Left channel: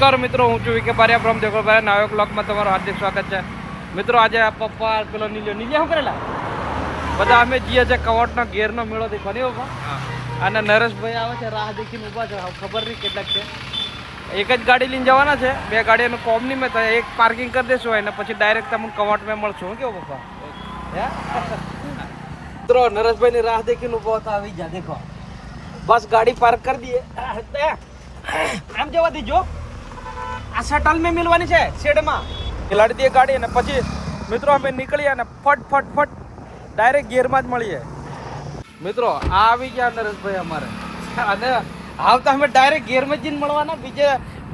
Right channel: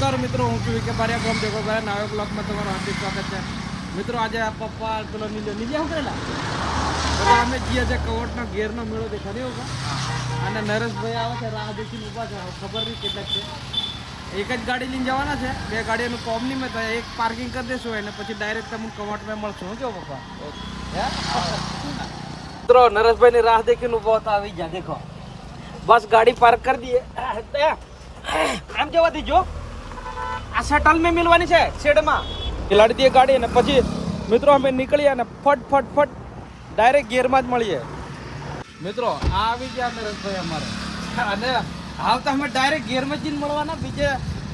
નમસ્કાર મિત્રો, હું છું વિકે બારિયા ફ્રોમ દેગોબારિયા. નવા બ્લોગમાં તમારું હાર્દિક સ્વાગત છે. મિત્રો આજે આ પપ્પા પેલો નીલો શું કરેલા બધા અમે જઈએ છે કવટનો ગેરનો મેળો દેખવાની પપ્પા. અને નરેશભાઈ આવે છે, રાહ દેખીને ઊભા છે. ખબર નહીં કેટલાક છે. એક જ ગાડી લઈને જવાના છે, બે ગાડીઓનું કોમ નહીં મેં થાય. એક પાર્કિંગ કરી દેશું અને પછી ડાયરેક્ટ તમને કવટમાં મળશું. શું કેવું પપ્પા? મિત્રો નરેશભાઈની રાહ દેખીને ઊભો હતો, આવી જા દેખો. બસ ગાડી પાર્ક કરી દઈએ. આમ જવા દીજો, આ શટલ મેં મિલવાની છે શેડમાં લાડી દઈએ ગાડી. અને પછી મિત્રો અમે નીકળીએ અને ફટ ફટ ફટ ડાયરેક્ટ ગેરમાં જ મળીએ. મિત્રો આ આવી ગયા નરેશભાઈ અમારે, અને આવતા અમે ડાયરેક્ટ ગેરમાં જ જઈને મળવાના.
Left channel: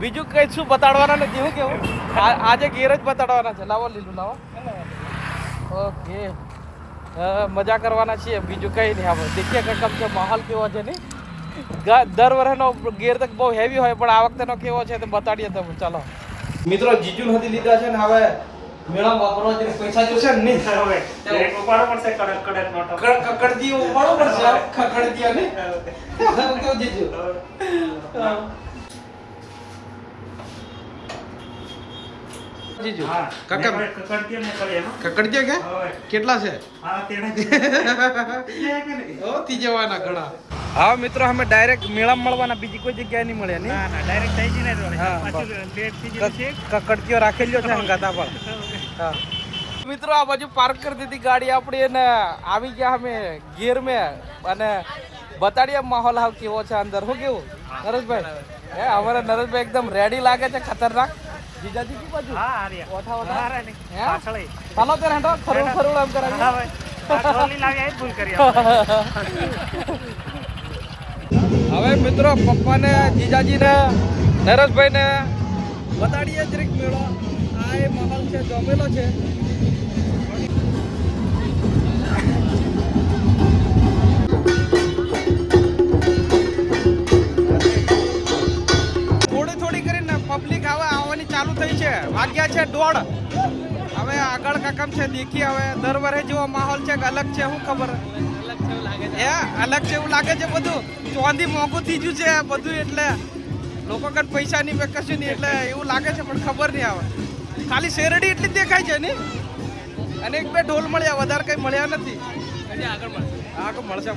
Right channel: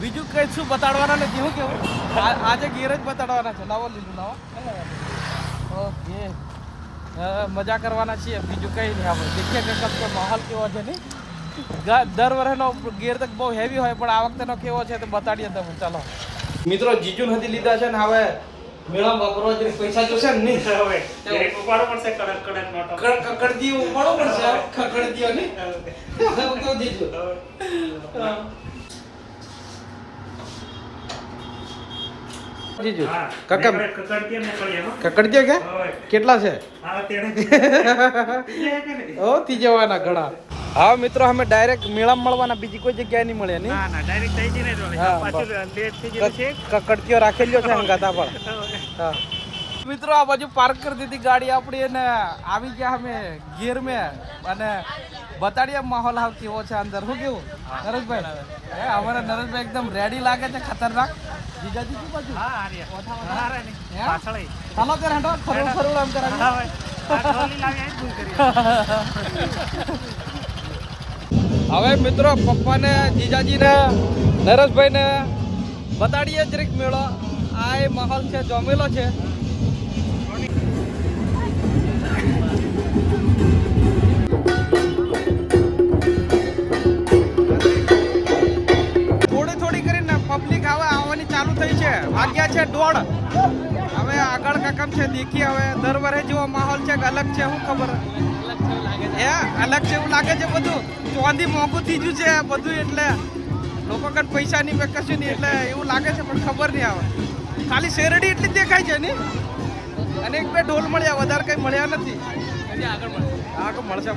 બીજું કઈ શું બતાડવાના નથી. શું કેવું, આજે ગેર જ બતાડવાના છે. લાવો લીલું લાવો. ઓકે, મજા કરવાના છીએ, બીજું કઈ નહીં. આપણે દેખીએ કે કમ કે માહોલ કેવો છે. નહીં દર વર્ષનો ગેર તક બહુ હેવી હોય, પણ આ વખતેનો કેવો છે તો બતાડીએ તમે. ચાલો મિત્રો, જીજુ નથી લીધા છે ને હવે મેળા વાપરવા જે પૈસા જોશે ને નહીં હવે ઉપાડો પડશે. કકડદી ઉપાડો પડશે. કકડદી ને કેવું જીજુ જીજુ કકડદી કે કેટલા છે? ઓ તી જવાના ઘણા. હા મિત્રો, અમે ડાયરેક્ટ મેળા મળવાના, બીજી કોઈ જગ્યાએ નહીં મળે. નહીં ના ડાયરેક્ટ થઈ જઈને કકડકીઓ રાખેલી છે ગાતા પર. મિત્રો આ બાજુ પાર્ક કરી દીધી ગાડી આપણી, અને આવી ગયા અમે ગેર મેં. અને બતાડીએ માહોલ હાવ કેવો છે અંદર. શું કેવું નરેશભાઈ? અમારા નરેશભાઈ એકદમ રેડી લાગે છે, ખતરનાક. જીજાજી કી બાજુ ચાલો ત્યારે હેઠો ખરું ખરું એમ કરાવી. હવે મિત્રો પપ્પાને, જીજાજીને, નરેશભાઈને બતાડીએ જરીક મેળો. આ એ માહોલ છે, જમેલો છે. થોડી થોડી કરીને પબ્લિક હવે આવવાની ચાલુ થઈ છે. વાગ્યા છે 1:30. હવે આગળ કાકમ છે દેખી. હવે દર વર્ષે જેવો માહોલ છે કે અલગ છે? શું ખબર, અલગ છે એવું લાગે છે. બધું ચોંધી મોંઘું થઈ ગયું છે બધું, એટલે લોકો કઈ પૈસા નહીં મેં કશું નહીં, એટલે એવું લાગે છે. પણ ખબર નહીં આવે, ખાલી શેરડી એટલી જ દેખાય છે ને. અને એક બે ઢોલ મળ્યા, વધારે કઈ મળ્યા નથી. આગળ મળશે.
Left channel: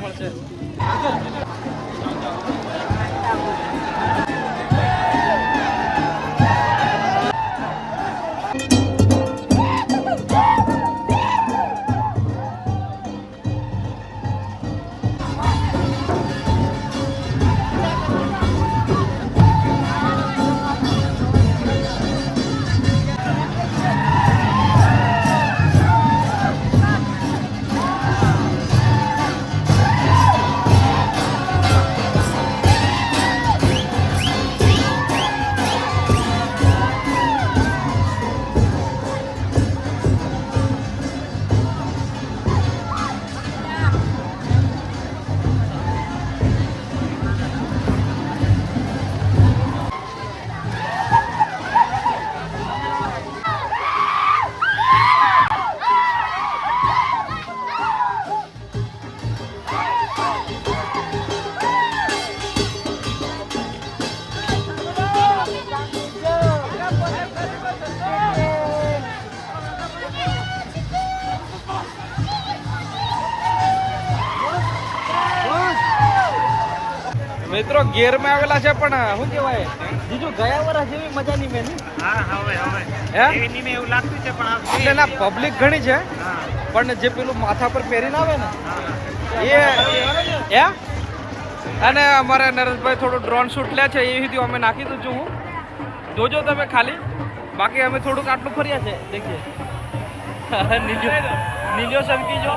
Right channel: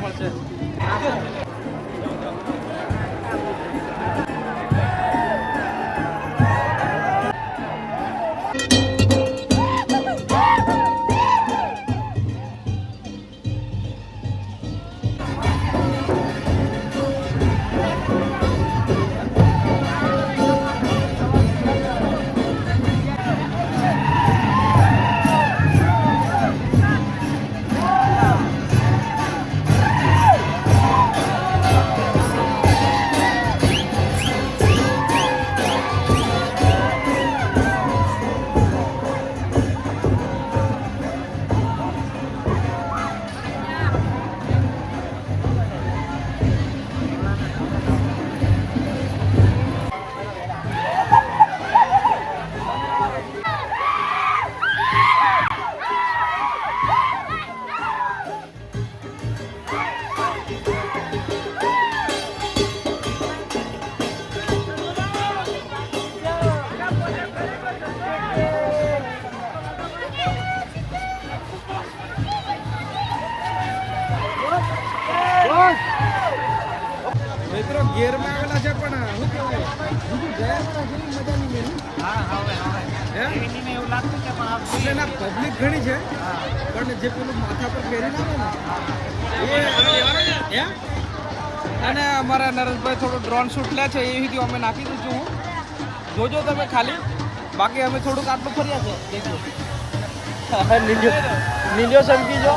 મિત્રો ગેરમાં આવેલા છે, પણ શું કહેવાય જીજુ, ગયા વર્ષ જેવી મજા નહીં મેં. એવું લાગતું છે, પણ ના પબ્લિક ઘણી છે, પણ જે પેલું માથા પર પહેરીને આવે ને એ અને અમારા નરેશભાઈ થોડું ડ્રોન શૂટ લે છે, એ સુધી અમે નાખી દઉં છું. હું જોજો તમે ખાલી, બાકી અમે થોડુંક આટલું ફર્યા છે. દેખીએ નીલો સંકી જો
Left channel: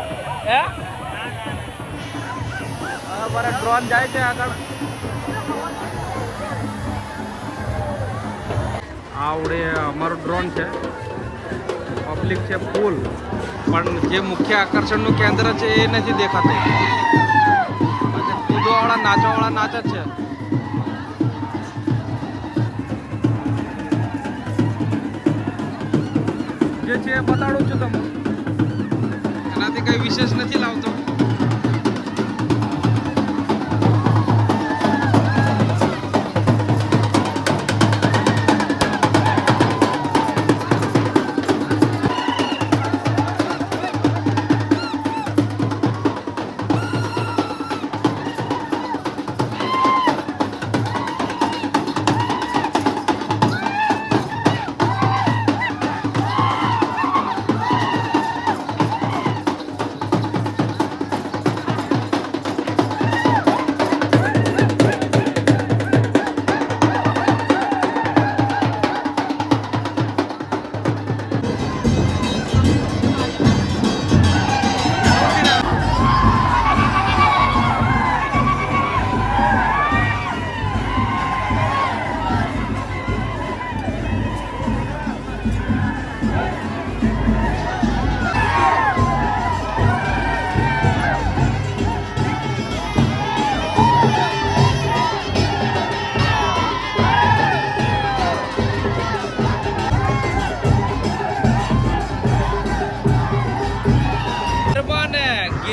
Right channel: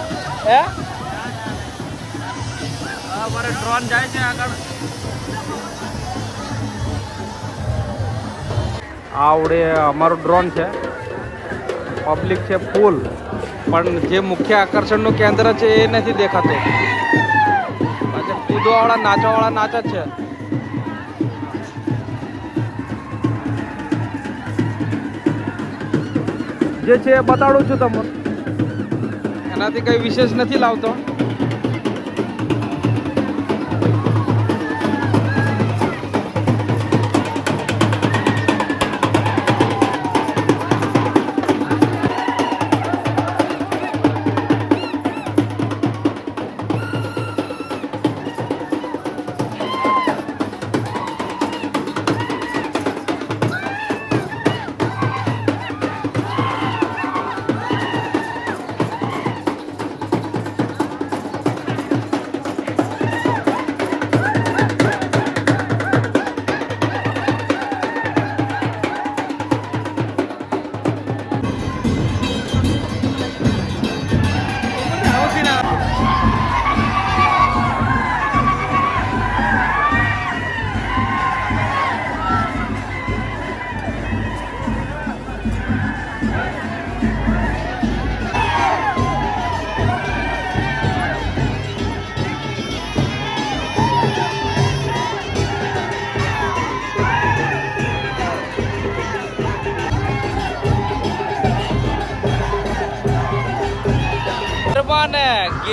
અમારે ડ્રોન જાય છે આગળ. આવડે અમારું ડ્રોન છે, પબ્લિક છે ફૂલ, પણ જે મુખ્ય આકર્ષણનું કેન્દ્ર છે એ નથી દેખાતું. પાછા કૂદવાવાળા નાચવાવાળા નાચ જ છે. જે છે એ બતાડું છું તમને, એનાથી કંઈ વિશેષ નથી લાવતો.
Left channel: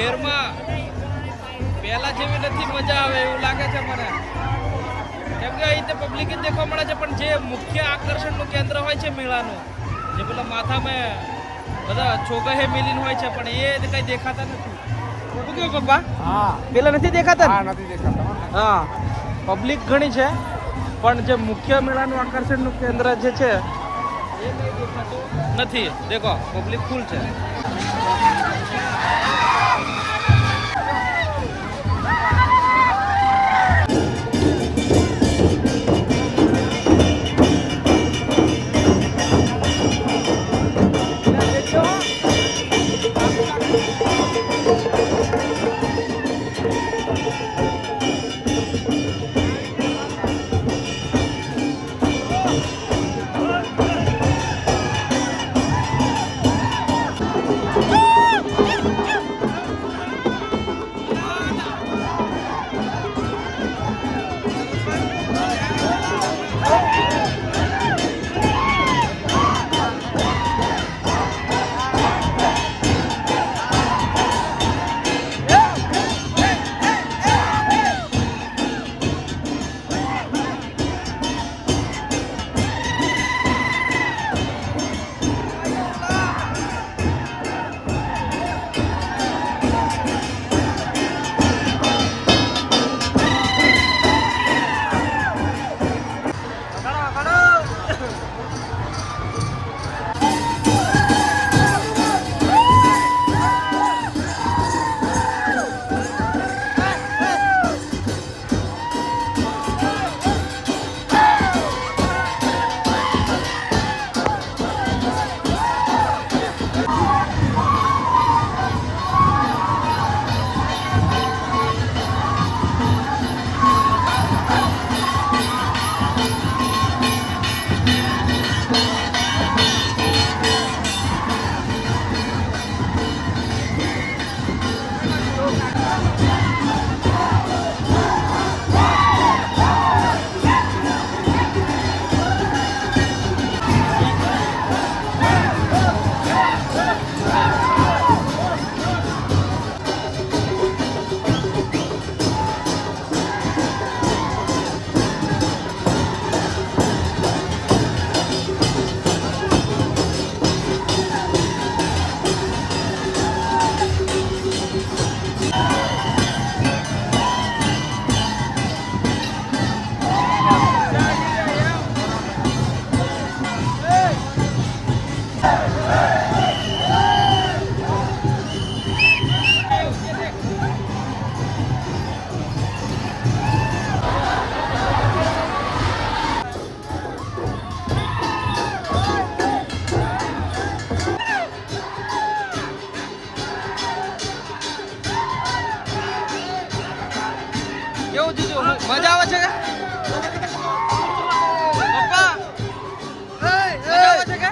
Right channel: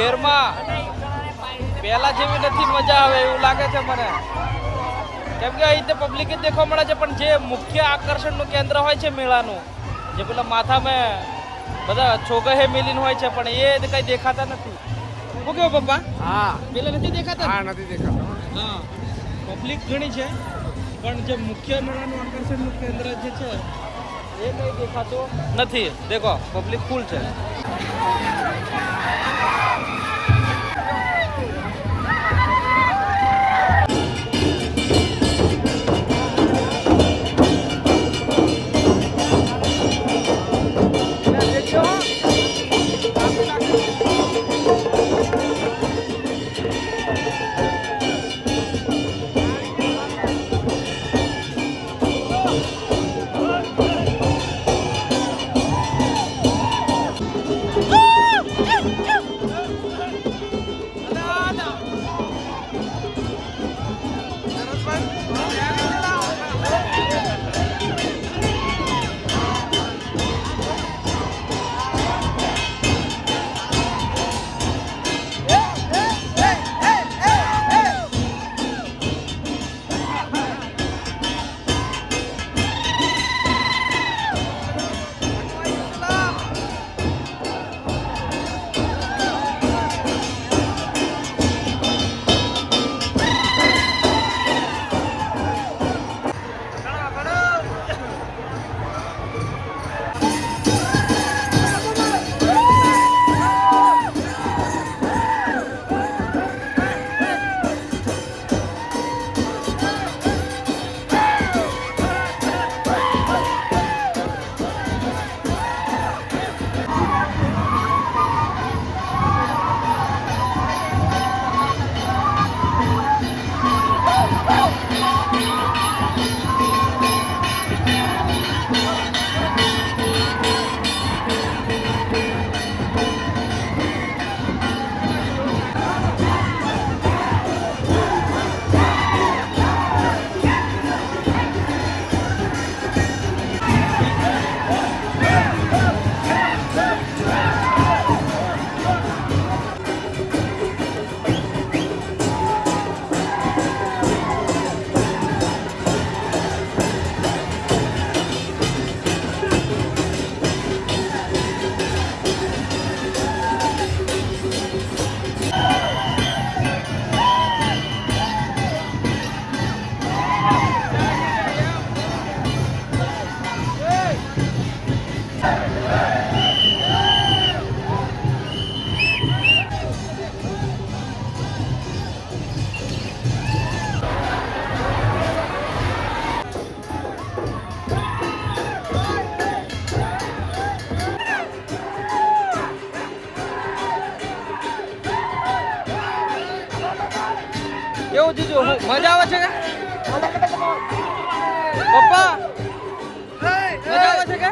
શહેરમાં પહેલા જેવી નથી મજા આવે એવું લાગે છે મને, કેમ કે અહીં પબ્લિક જ દેખવા મળે છે, પણ જે મુખ્ય આકર્ષણનું કેન્દ્ર હોય છે મેળાનું, જે પેલા માથામાં બધા છોકરે મિલીન હોય છે, પણ એ કઈ દેખાતા નથી. શું કેવું પપ્પા? હા, પેલા નથી દેખાતા? હા, નથી દેખાતા. હા, પબ્લિક ઘણી છે, પણ જે મુખ્ય મેળાનું આકર્ષણનું કેન્દ્ર જે છે એ કઈ દેખાતું નથી. દેખો પબ્લિક ફૂલ છે. કેવું જીજુ, મજા આવે છે કે પપ્પા? મજા આવે છે કે?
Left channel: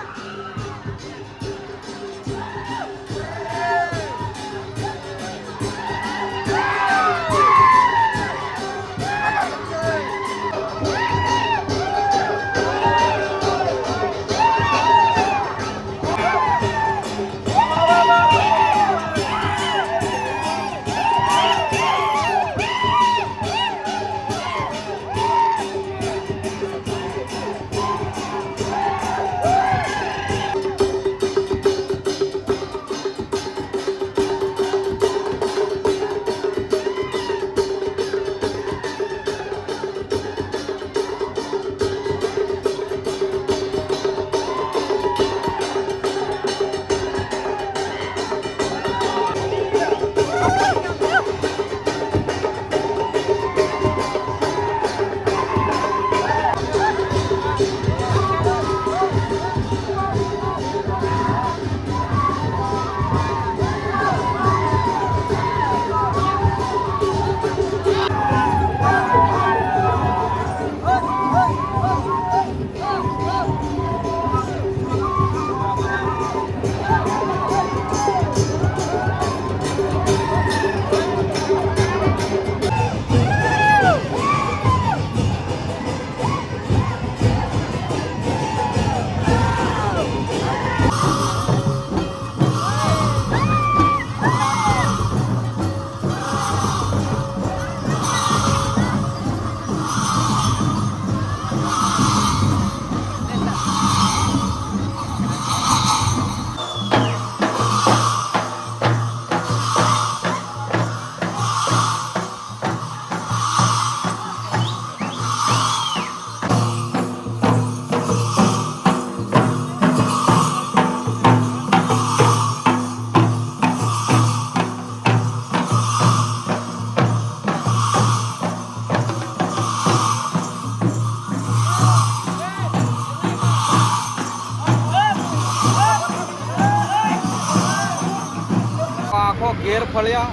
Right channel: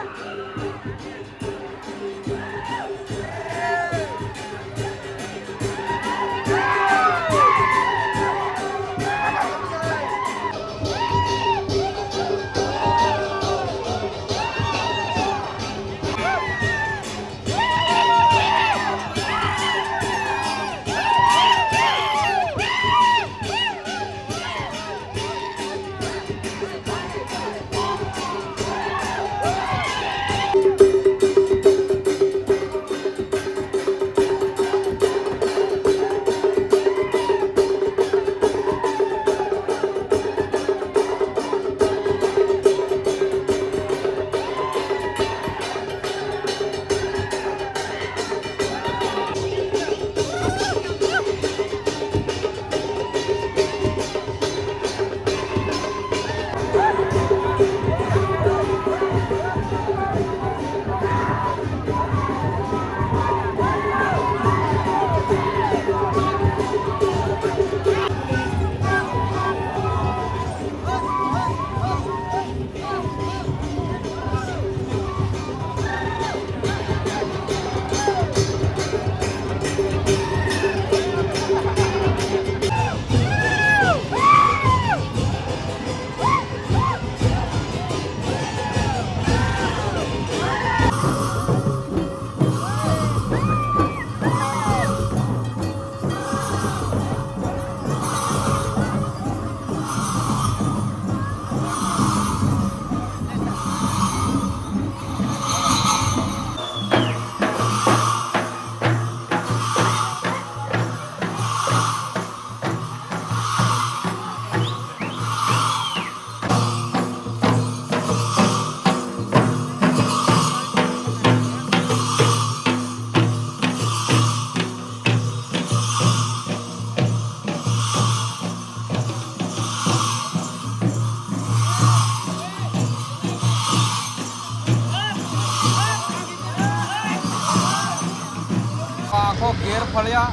ગેર ફળ્યા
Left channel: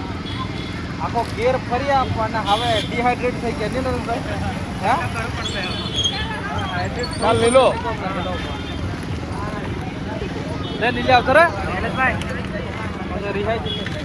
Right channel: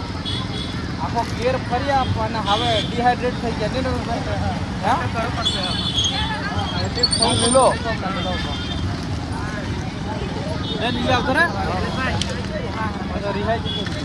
આખો ગેર ફર્યા અને હવે ડિહાઇડ્રેટ થઈ ગયા નહીં ભાઈ હે લીલો નીલે આવતો રે રિહાઈ